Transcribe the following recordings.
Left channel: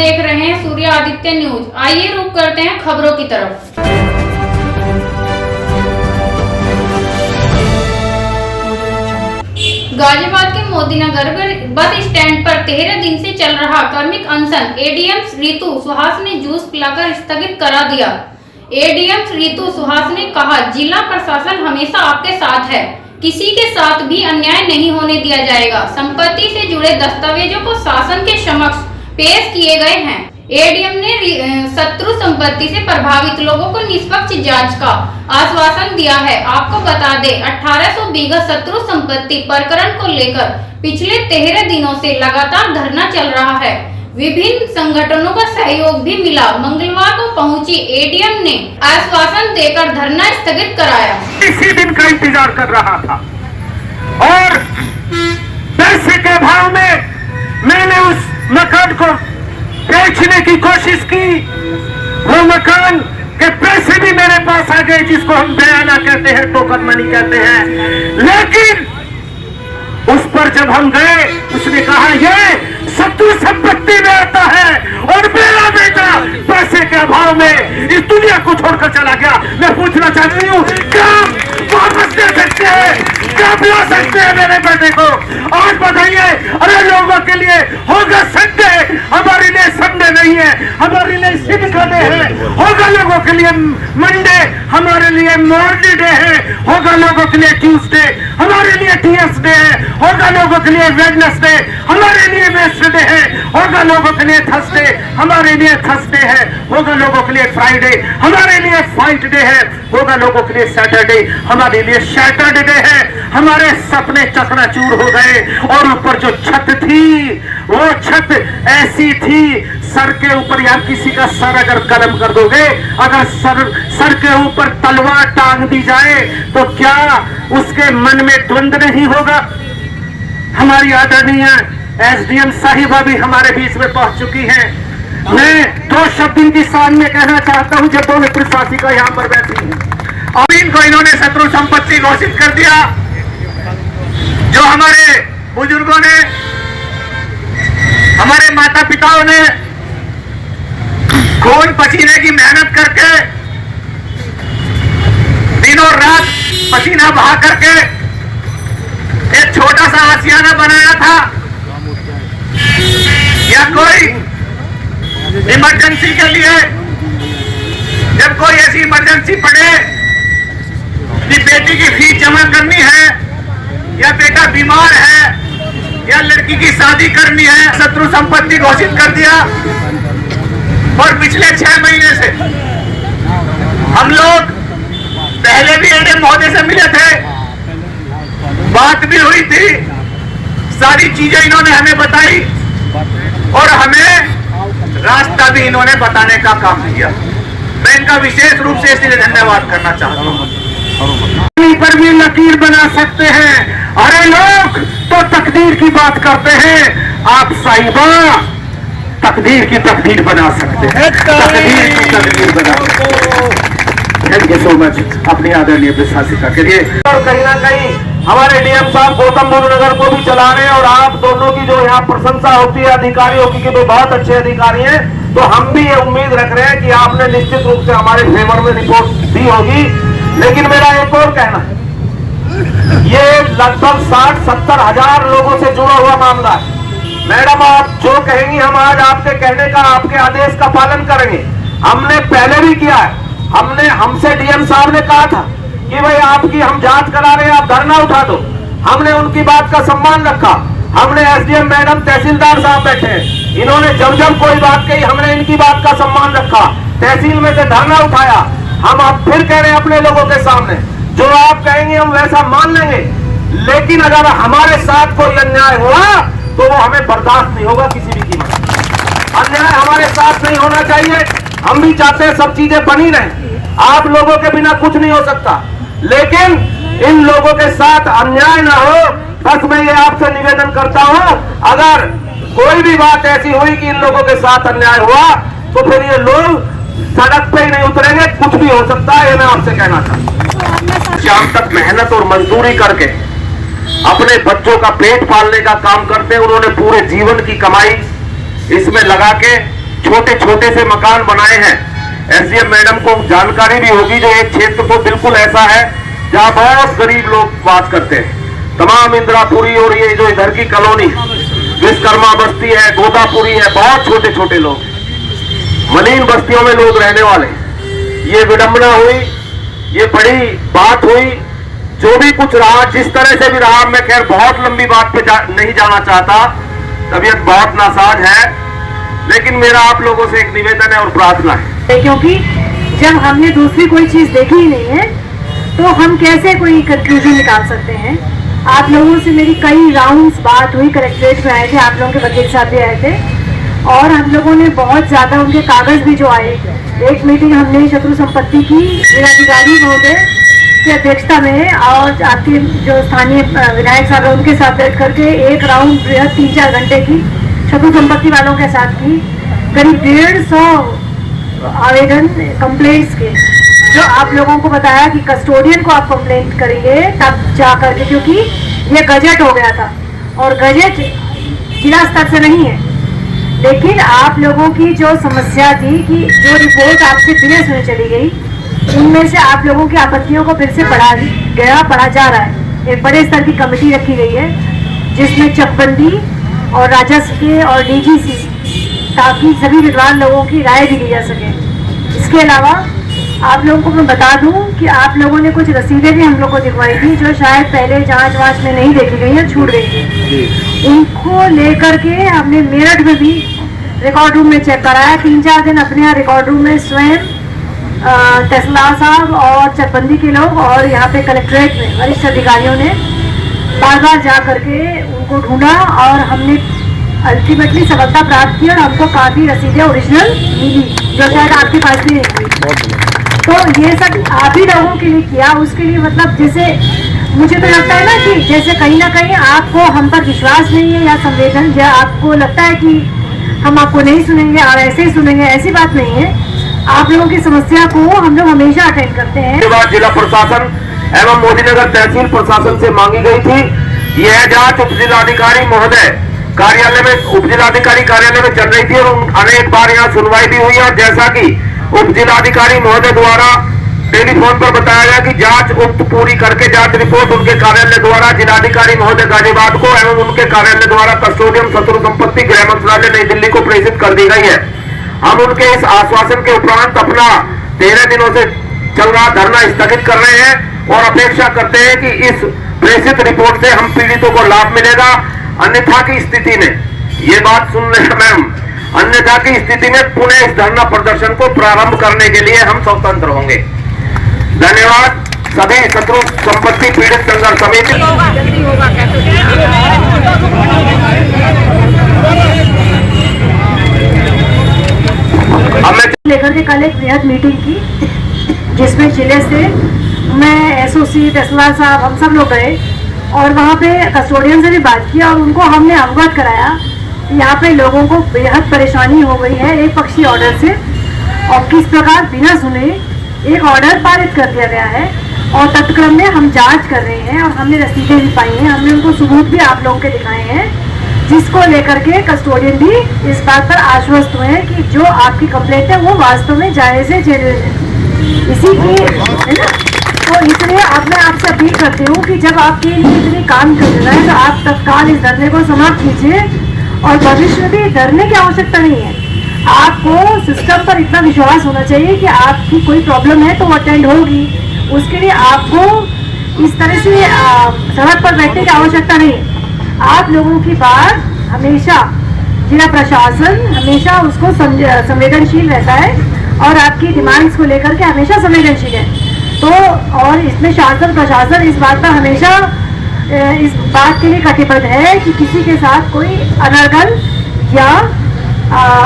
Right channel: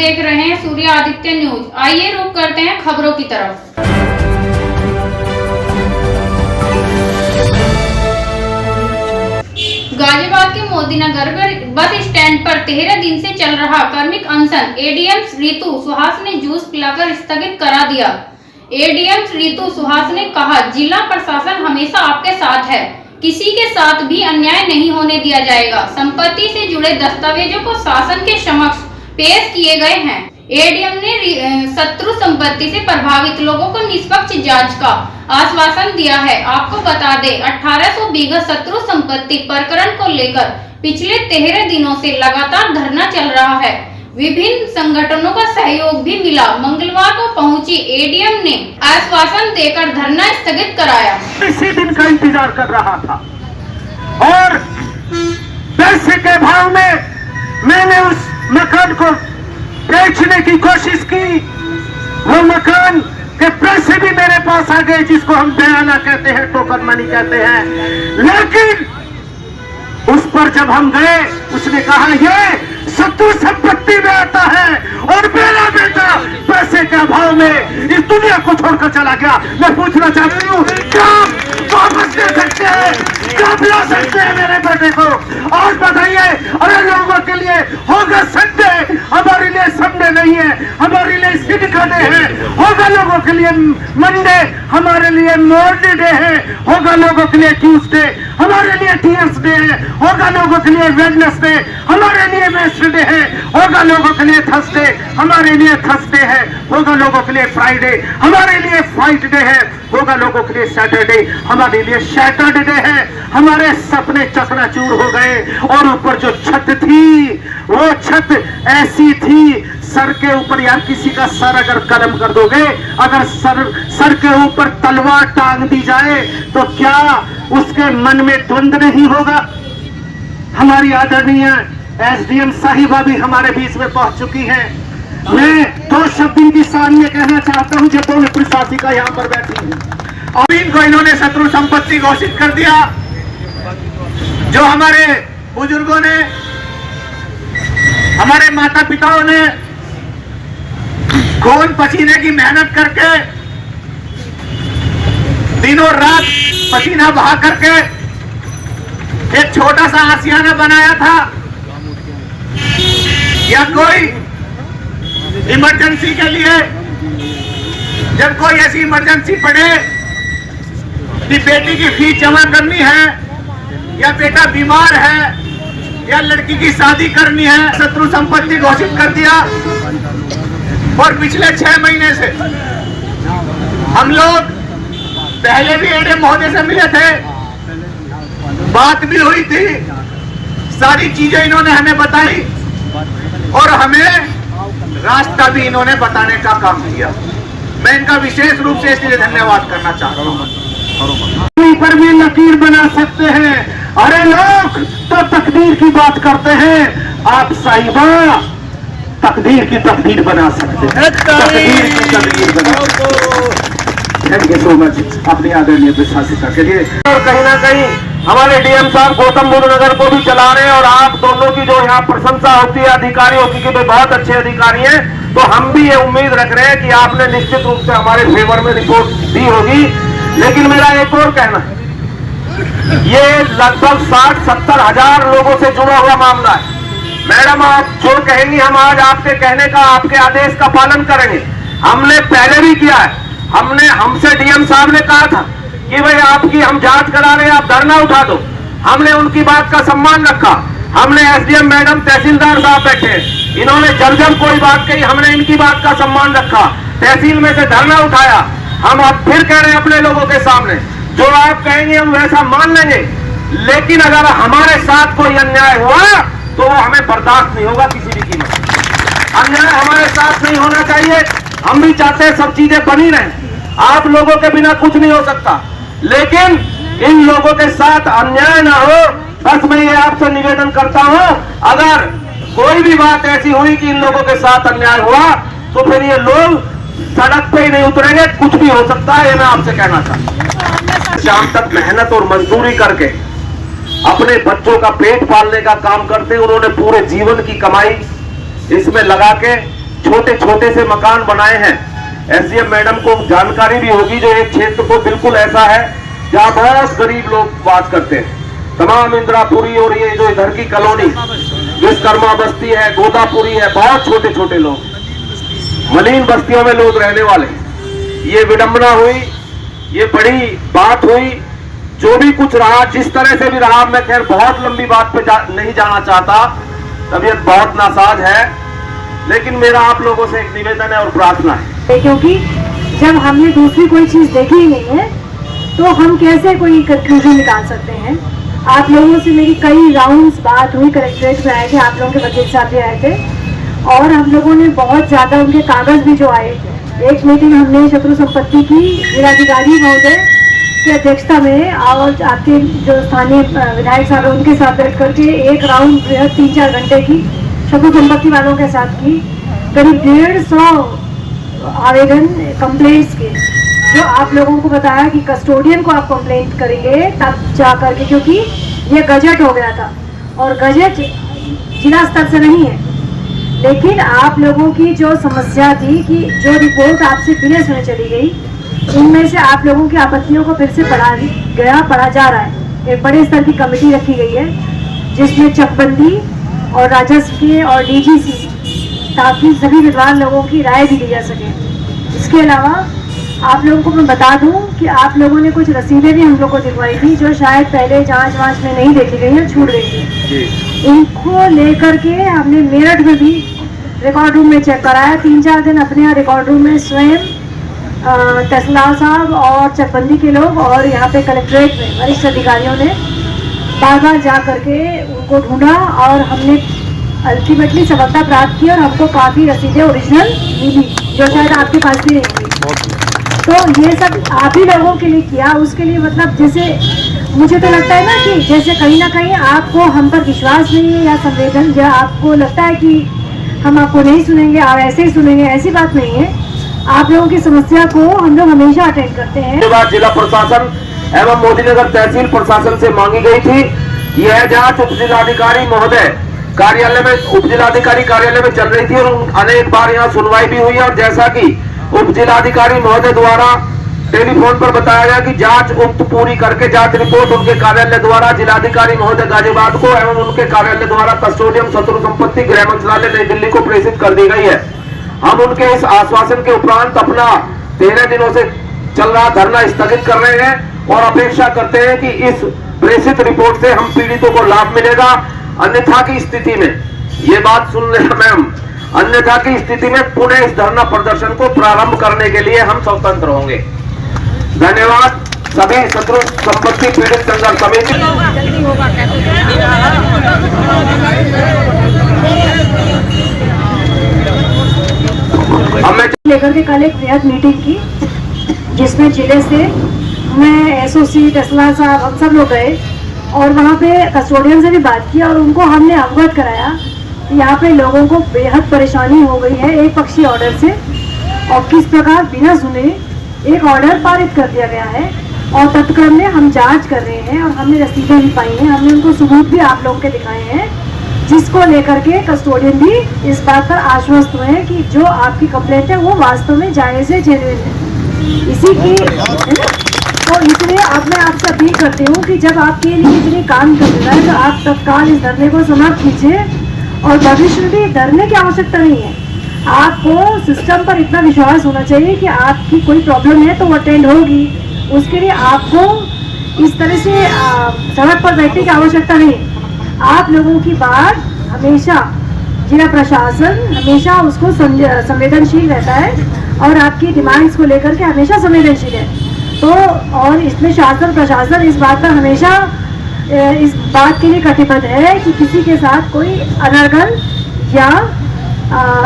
देख रहे हैं सूर्य आदित्य न्यूज। आइए रुक करते हैं खबरों की तरफ। गाजियाबाद के मोदीनगर बस स्टैंड पर 13 दिन से चल रहा कार्मिक अनशन एडीएम रितु सुहास ने जूस पिलाकर स्थगित करा दिया। एडीएम रितु सुहास ने कहा, जिला प्रशासन हमेशा आपके साथ है, किसी के साथ भी अन्याय नहीं होने दिया जाएगा। संपत्ति से जुड़े दस्तावेजों को शासन के समक्ष पेश किए गए हैं। एडीएम ने शत्रु संपत्ति से प्रभावित लोगों को निष्पक्ष जांच का आश्वासन दिया है। आपको बता दें, 1800 बीघा शत्रु संपत्ति प्रकरण को लेकर पिछले 13 दिनों से लगातार धरना चल रहा है। विभिन्न संगठनों का सहयोग भी मिला। मंगलवार को पहुंची एडीएम ने आश्वासन देकर धरना स्थगित कराया। इसी दिन का इंतजार कर रहा था और पैसे के भाव में मैंने उस मकान को बेचने की कोशिश की। वो मकान के पैसे भी मेरे पास आ गए, जिसको हम बयाना कहते हैं, टोकन मनी कहते हैं। लेकिन उस पर जब हम गए, उसने कहा ये शत्रु संपत्ति में आता है और मेरा बेटा पैसे के अभाव में इस दुनिया को छोड़कर चला गया। मैं पूछना चाहती हूँ, क्या वापस दे सकते हैं, क्या बुला सकते हैं मेरे बेटे को? और बताइए, अरे लोगों के लिए होगा संडे, हमारे लिए संडे नहीं है, हमारे लिए सिद्ध का डे है। होगा लोगों के लिए मंडे, हमारे लिए मॉर्निंग डे है। होगा लोगों के लिए ट्यूसडे, हमारे लिए टीएस डे है। होगा लोगों के लिए वेडनेसडे, हमारे लिए वेडनेसडे है। होगा लोगों के लिए थर्सडे, हमारे लिए थर्सडे है। होगा लोगों के लिए फ्राइडे, हमारे लिए फ्राइडे है। होगा लोगों के लिए सैटरडे, हमारे लिए सैटरडे है। हमारे सपने चकनाचूर हो गए और ऊपर जो छत थी, वो छत ऐसी थी, सर के ऊपर यार किसी का सर अगर कलम कर दोगे, अगर सर के ऊपर तलवार टांग दी जाए तो क्या उसके मन में द्वंद्व नहीं होगा? हमारी आदरणीय एसडीएम साहिबा भी हमारे बीच में पहुंच चुकी हैं। मैं 2 शब्द इनकी शान में कहना चाहता हूं, जो दोनों प्रशासिका यहाँ पर बैठी हैं। और इनको इन्होंने शत्रु संपत्ति घोषित कर दिया। जो हमारे बुजुर्गों ने, हमारे माता पिताओं ने खून पसीने की मेहनत करके, दिनों रात पसीना बहा करके एक छोटा सा आशियाना बनाया था, या कोई इमरजेंसी के लिए, जब कोई ऐसी इमरजेंसी पड़े कि बेटी की फीस जमा करनी है, या बेटा बीमार है, या लड़की की शादी करनी है, शत्रु संपत्ति घोषित कर दिया। और पिछले 6 महीने से हम लोग पहले भी एडीएम महोदय से मिले थे, बात भी हुई थी, सारी चीजें इन्होंने हमें बताई और हमें रास्ता भी इन्होंने बताने का काम किया। मैं इनका विशेष रूप से इसलिए धन्यवाद करना चाहता हूँ। पर भी लकीर बना सकते हैं। अरे लोग तो तकदीर की बात करते हैं, आप साहिबा तकदीर की तकदीर बना सकते हैं, तकदीर की तकदीर बना सकते हैं। थैंक यू सो मच अपनी आदरणीय प्रशासिका के लिए। और कहीं ना कहीं हमारे डीएम साहब गौतम बुद्ध नगर को भी चला रहे हैं, और आप दोनों की जो यहाँ प्रशंसा होती है अधिकारियों की कि वे बहुत अच्छे अधिकारी हैं, तो हम भी ये उम्मीद रख रहे हैं कि आपने निश्चित रूप से हमारे फेवर में रिपोर्ट दी होगी। लेकिन मेरा एक और कहना है, ये लगभग 60-70 हजार लोगों से जुड़ा हुआ मामला है। मैडम, आप जो कहेंगी हम आज आपके कहने का, आपके आदेश का पालन करेंगे। हमने पहले भी किया है। हमसे डीएम साहब ने कहा था कि भाई आपकी हम जांच करा रहे हैं, आप धरना उठा दो। हमने उनकी बात का सम्मान रखा। हमने एसडीएम मैडम, तहसीलदार साहब बैठे हैं, इन्होंने जब कोई बात कही हमने इनकी बात का सम्मान रखा, तहसील में से धरना उठाया। हम अब फिर कह रहे हैं अपने लोगों के सामने, जो आप कहेंगे हम वैसा मान लेंगे, लेकिन अगर हमारे साथ कोई अन्याय हुआ तो वो हमें बर्दाश्त नहीं होगा किसी भी कीमत। अन्याय हमारे साथ नहीं होना चाहिए। हम भी चाहते हैं सब चीजें बनी रहें, आप लोगों के बिना कुछ नहीं हो सकता, लेकिन इन लोगों के साथ अन्याय ना हो। बस मैं ये आपसे निवेदन करता हूं, अगर कोई भी बात ऐसी हुई कि इन लोगों के साथ अन्याय हुआ तो फिर ये लोग सड़क पे ही नहीं उतरेंगे, कुछ भी हो सकता है। ये मैं आपसे कहना चाहता हूं। शाम तक मेहनत और मजदूरी करके अपने बच्चों का पेट पालने का काम करते हैं। उन्होंने पूरे जीवन की कमाई इसमें लगा के छोटे छोटे से मकान बनाए हैं। एसडीएम मैडम को जानकारी भी होगी, जो एक क्षेत्र को बिल्कुल ऐसा है जहां बहुत गरीब लोग बात करते हैं। तमाम इंदिरापुरी और ये जो इधर की कॉलोनी विश्वकर्मा बस्ती है, गोदापुरी है, बहुत छोटे छोटे लोग, मलिन बस्तियों में लोग रहने वाले। ये विडंबना हुई, ये बड़ी बात हुई। जो भी कुछ रहा, जिस तरह से भी रहा, मैं खैर बहुत लंबी बात पे नहीं जाना चाहता, तबीयत बहुत नासाज है, लेकिन मेरा आप लोगों से एक निवेदन है और प्रार्थना है, क्योंकि जब हमने दूसरी कोई चीज देखी ही नहीं है तो हम कैसे कोई कंक्लूजन निकाल सकते हैं। आप लोगों से मेरी कई राउंड्स बात हुई, कलेक्ट्रेट में आए थे, आप लोगों के वकील साहब भी आए थे और हम लोगों ने बहुत ज़्यादा उनके कागज़ भी जो आए। एक मीटिंग हमने शत्रु संपत्ति की जिलाधिकारी महोदय की अध्यक्षता में और आपके जो स्थानीय विधायक साहब हैं उनके साथ बैठ करके एक राउंड 3-4 घंटे की शत्रु संपत्ति वालों के साथ की। करीब 150 आवेदन कंप्लेंट्स के, जो आप लोगों को बताया कि कस्टोडियन को आप कंप्लेंट करेंगे तब जा करके, क्योंकि ये गजट हो गया था और गजट जिला स्तर से नहीं है। लेकिन आप लोगों की जो समस्या थी कि जो रिपोर्ट आपसे बिना सुने चली गई, उनमें से आप लोगों की आपत्तियों को फिर से पढ़ा जा रहा है। एक बड़े स्तर की कमेटी रखी गई है जिसमें चकबंदी और राजस्व के और डीजीसी, ताकि सभी विद्वान लोगों की राय भी ली जा सके। इसके अलावा आप लोगों को मैं बता दूं कि आप लोगों ने कुछ रसीदें भी हम लोग को दिखवाई थी जो शायद पहले जांच वांच में नहीं देखी गई है, छूट गई थी। उनको लेकर के हमने मेरठ में भी रिकॉर्ड रूम में चेक कराया। 3-4 दिन अपने यहाँ रिकॉर्ड रूम में स्वयं तहसीलदार साहब और चकबंदी के लोग और यहाँ पे कलेक्ट्रेट में वरिष्ठ अधिकारियों ने बार बार जा करके उनको ढूंढा और हमने अल्टीमेटली सफलता प्राप्त की और हमको काफ़ी रसीदें ओरिजिनल मिली, जो शायद आपके पास भी नहीं हुई। तो ये सब आप ही लोगों के लिए किया। उसके लिए मतलब जैसे मुझे तो लगता है ना कि जैसे कहीं ना कहीं आपको हम पर विश्वास नहीं है या संवेदन, या आपको लगता है कि हम आपको नहीं सुनेंगे और ऐसे ही सुनेंगे, ऐसी बात नहीं है। आप लोगों की समस्या को हम लोग हमेशा अटेंड करते हैं। बात जिला प्रशासन एवं मोदीनगर तहसील प्रशासन से मांगी गई थी। यह जांच उप जिलाधिकारी महोदय कार्यालय में, उप जिलाधिकारी कार्यालय में चल रही थी और अनेक बार यहाँ सुनवाई भी हुई। और जैसा कि उप जिलाधिकारी महोदय द्वारा टेलीफोन पर बताया गया कि जांच उक्त पूरी करके जांच रिपोर्ट उनके कार्यालय द्वारा जिलाधिकारी महोदय गाजियाबाद को एवं उनके कार्यालय द्वारा कस्टोडियम शत्रु संपत्ति गृह मंत्रालय नई दिल्ली को प्रेषित कर दी गई है। हम उनके इस आश्वासन के उपरांत अपना 13 दिनों से चल रहा धरना स्थगित कर रहे हैं और अपेक्षा करते हैं कि इस प्रेषित रिपोर्ट से हम पीड़ितों को लाभ मिलेगा। अन्यथा की स्थिति में, ये बात सुन रहे हैं मैम, अन्यथा की स्थिति में पुनः इस धरना प्रदर्शन को प्रारंभ करने के लिए हम स्वतंत्र होंगे। धन्यवाद। सभी शत्रु संपत्ति पीड़ित संघर्ष समिति लेकर के कल एक वृहद मीटिंग की, जिसमें जिले से मैं एसओसी तहसीलदार साहब हम सब लोग गए और वहाँ पे कस्टोडियन से भी बात की और उनको हमने अवगत कराया कि यहाँ पे लोगों को बेहद परेशानी हो गई है एक पक्षी ऑर्डर से, और किस प्रकार बिना सुने एक ऑर्डर पारित कर दिया गया है। और तत्क्रम में हम जांच कर रहे हैं और हमने रसीदें भी पाई हैं, हमने उनको सबूत भी आप लोगों के दिखाए हैं, जिसको लेकर के कस्टोडियन भी इस बात पर आश्वस्त हुए हैं कि जो आपकी कंप्लेंट है वो वास्तव में जायज़ है, जेन्युइन है। इसी की है ना, तो इसलिए अब मैं आपसे अपील करती हूँ कि जब आपके लिए इतने काम कर रहा है तो आप तत्काल इस धरने को समाप्त कीजिए और भविष्य में भी डरने की आवश्यकता नहीं है। आपको सिस्टम पर इतना विश्वास होना चाहिए कि आपकी कोई प्रॉब्लम है तो वो अटेंड होगी। उसके लिए आपको इस तरह से सड़क पर बैठने की आवश्यकता नहीं। आप लोगों की बात हमेशा जिला प्रशासन हमेशा उसको संवेदनशील रहता है और आपकी डिमांड्स को लेकर के हमेशा संवेदनशील है। तो और इसमें शासन प्रशासन इस बात पर हमेशा इस बात के लिए कटिबद्ध है कि किसी के साथ कोई अनर्गल या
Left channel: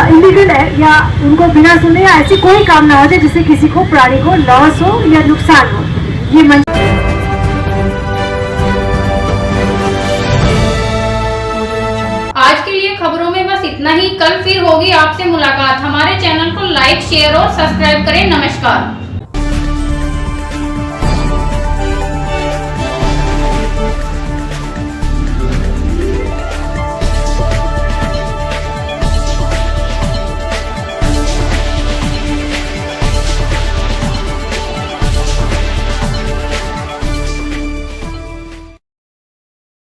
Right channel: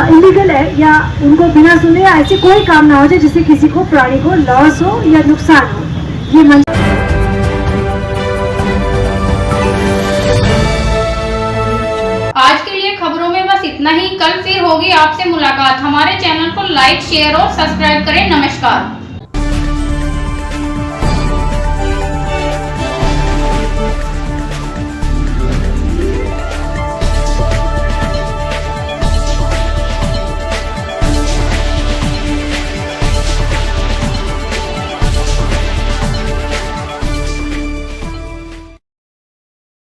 इलीगल है या उनको बिना सुने या ऐसी कोई काम ना हो जाए जिससे किसी को प्राणी को लॉस हो या नुकसान हो। ये आज के लिए खबरों में बस इतना ही। कल फिर होगी आपसे मुलाकात। हमारे चैनल को लाइक, शेयर और सब्सक्राइब करें। नमस्कार।